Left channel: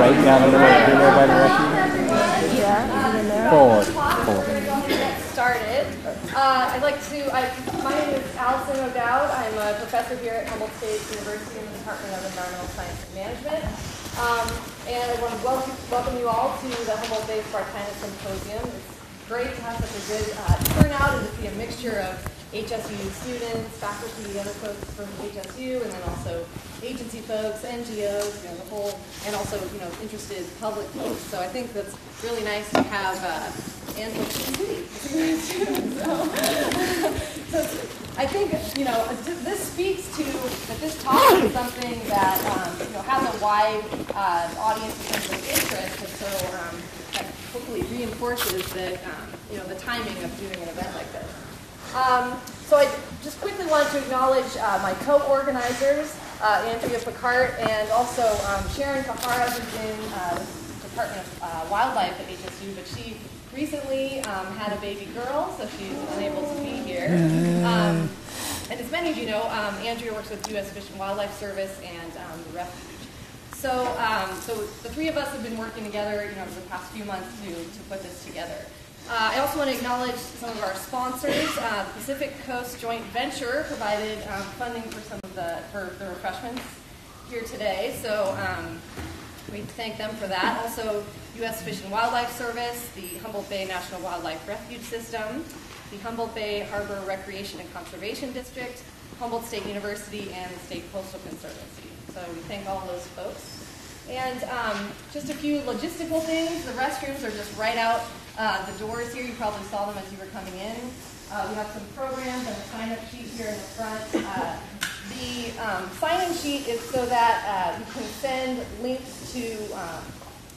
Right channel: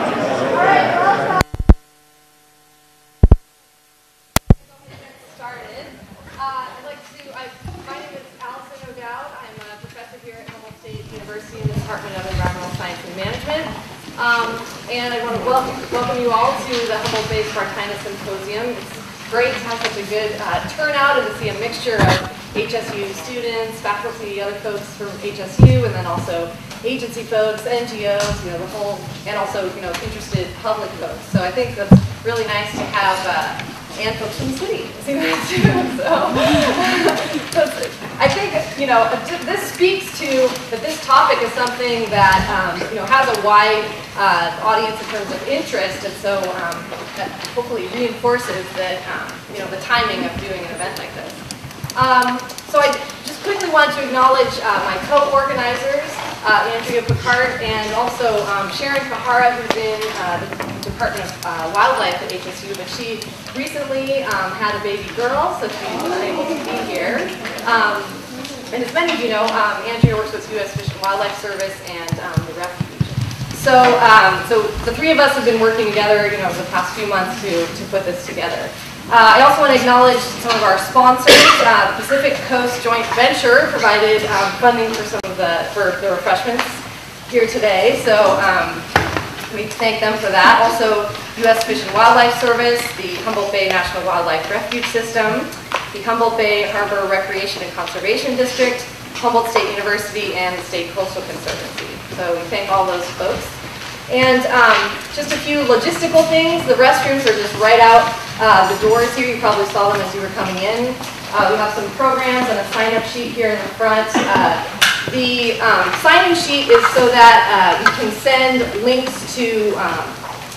Started. My name is Allison O'Dowd. I'm a professor here at Humboldt State University in the Department of Environmental Science and Management. And I want to welcome you all to the Humboldt Bay Spartina Symposium. It's great to have such a good turnout and to see a mixture of HSU students, faculty, other folks from HSU, and then also agency folks, NGOs, the whole, and also, interested public folks. So I think that's really nice to have, and folks in the city to see that too. So I think, this speaks to that this topic is something that, has a wide audience in terms of interest, and so that hopefully reinforces that, the timing of doing an event like this. So I just quickly want to acknowledge my co-organizers, Andrea Picard, and also Sharon Kahara, who's in the Department of Wildlife at HSU, but she recently had a baby girl, so she's unable to be here. And as many of you know, Andrea works with U.S. Fish and Wildlife Service and the Refuge. So, so the three of us have been working together, over the past few months to put this together. I also want to acknowledge some of our sponsors. The Pacific Coast Joint Venture provided funding for some of the refreshments here today, so we thank them for that. Also, U.S. Fish and Wildlife Service, the Humboldt Bay National Wildlife Refuge System, the Humboldt Bay Harbor Recreation and Conservation District, Humboldt State University, and the State Coastal Conservancy. So we thank all those folks. And just a few logistical things. The restrooms are just right out the doors here. You probably saw them as you were coming in. We have some programs and a sign-up sheet here in the front. The sign-in sheet is so that you can send links to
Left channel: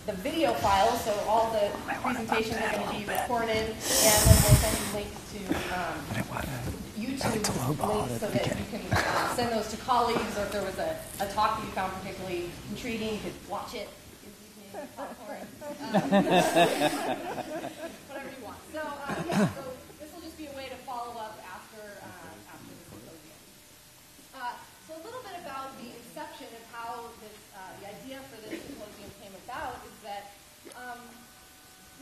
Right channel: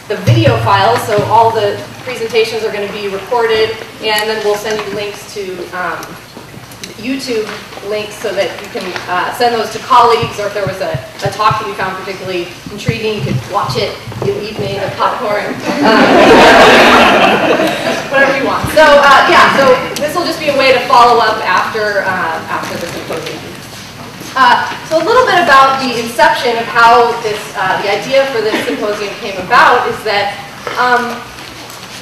the video files. So all the presentations are going to be recorded, and then we'll send you links to YouTube links so that you can send those to colleagues, or if there was a talk that you found particularly intriguing, you could watch it in the evening with popcorn, whatever you want. So yeah, so this will just be a way to follow up after the symposium. So a little bit about the inception of how this, the idea for this symposium came about is that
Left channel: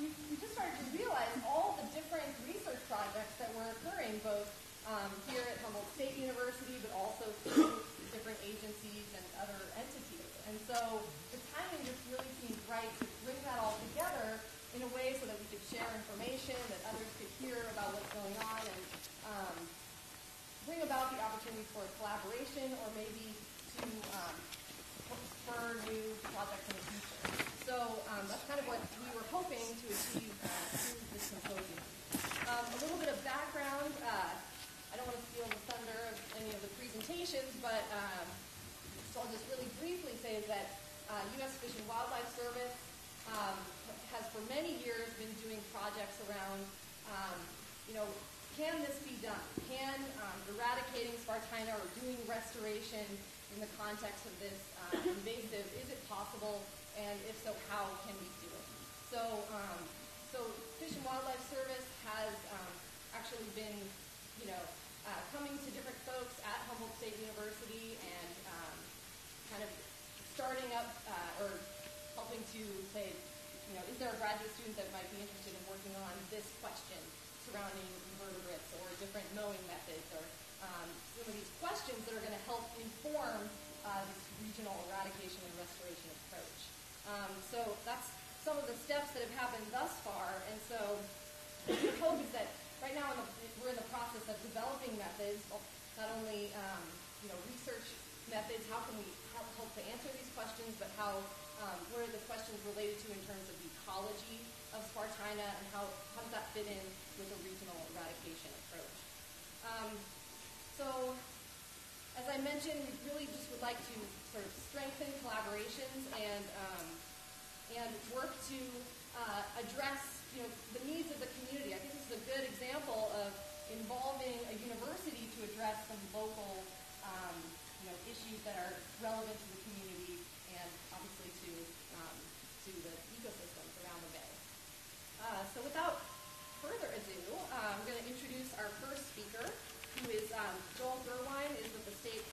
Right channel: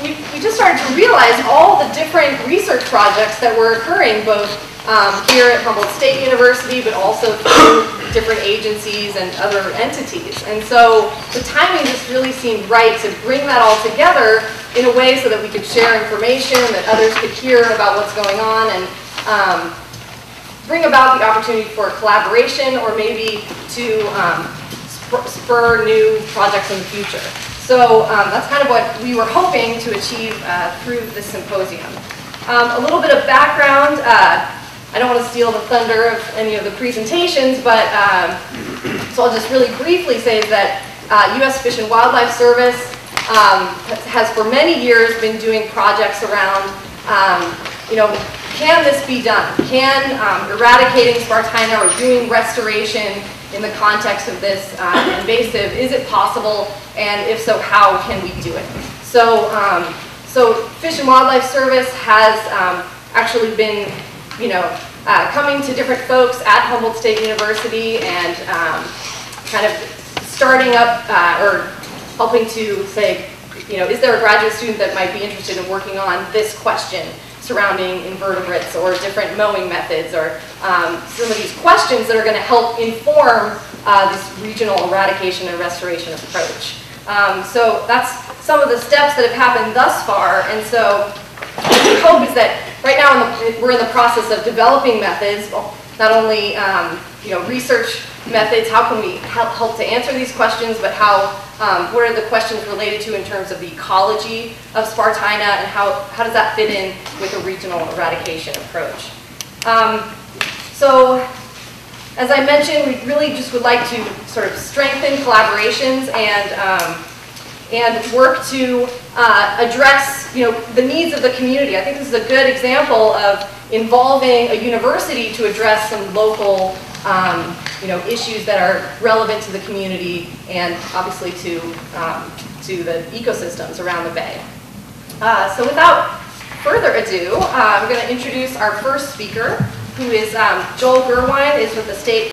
we just started to realize all the different research projects that were occurring both here at Humboldt State University, but also through different agencies and other entities. And so the timing just really seemed right to bring that all together in a way so that we could share information, that others could hear about what's going on, and bring about the opportunity for collaboration or maybe to spur new projects in the future. So that's kind of what we were hoping to achieve through this symposium. A little bit of background. I don't want to steal the thunder of any of the presentations, but so I'll just really briefly say that U.S. Fish and Wildlife Service has for many years been doing projects around, can this be done? Can eradicating Spartina or doing restoration in the context of this invasive, is it possible? And if so, how can we do it? So, so Fish and Wildlife Service has actually been, coming to different folks at Humboldt State University and kind of starting up or helping to say, is there a graduate student that might be interested in working on this question surrounding invertebrates or different mowing methods, or some of these questions that are going to help inform this regional eradication and restoration approach. So that's some of the steps that have happened thus far, and so the hope is that right now we're in the process of developing methods, not only research methods, how can we help to answer these questions, but what are the questions related to in terms of the ecology of Spartina, and how does that fit in with a regional eradication approach. So as I mentioned, we really just would like to sort of strengthen collaborations and work to address the needs of the community. I think this is a good example of involving a university to address some local issues that are relevant to the community and obviously to the ecosystems around the bay. So without further ado, I'm going to introduce our first speaker, who is Joel Gerwine, is with the state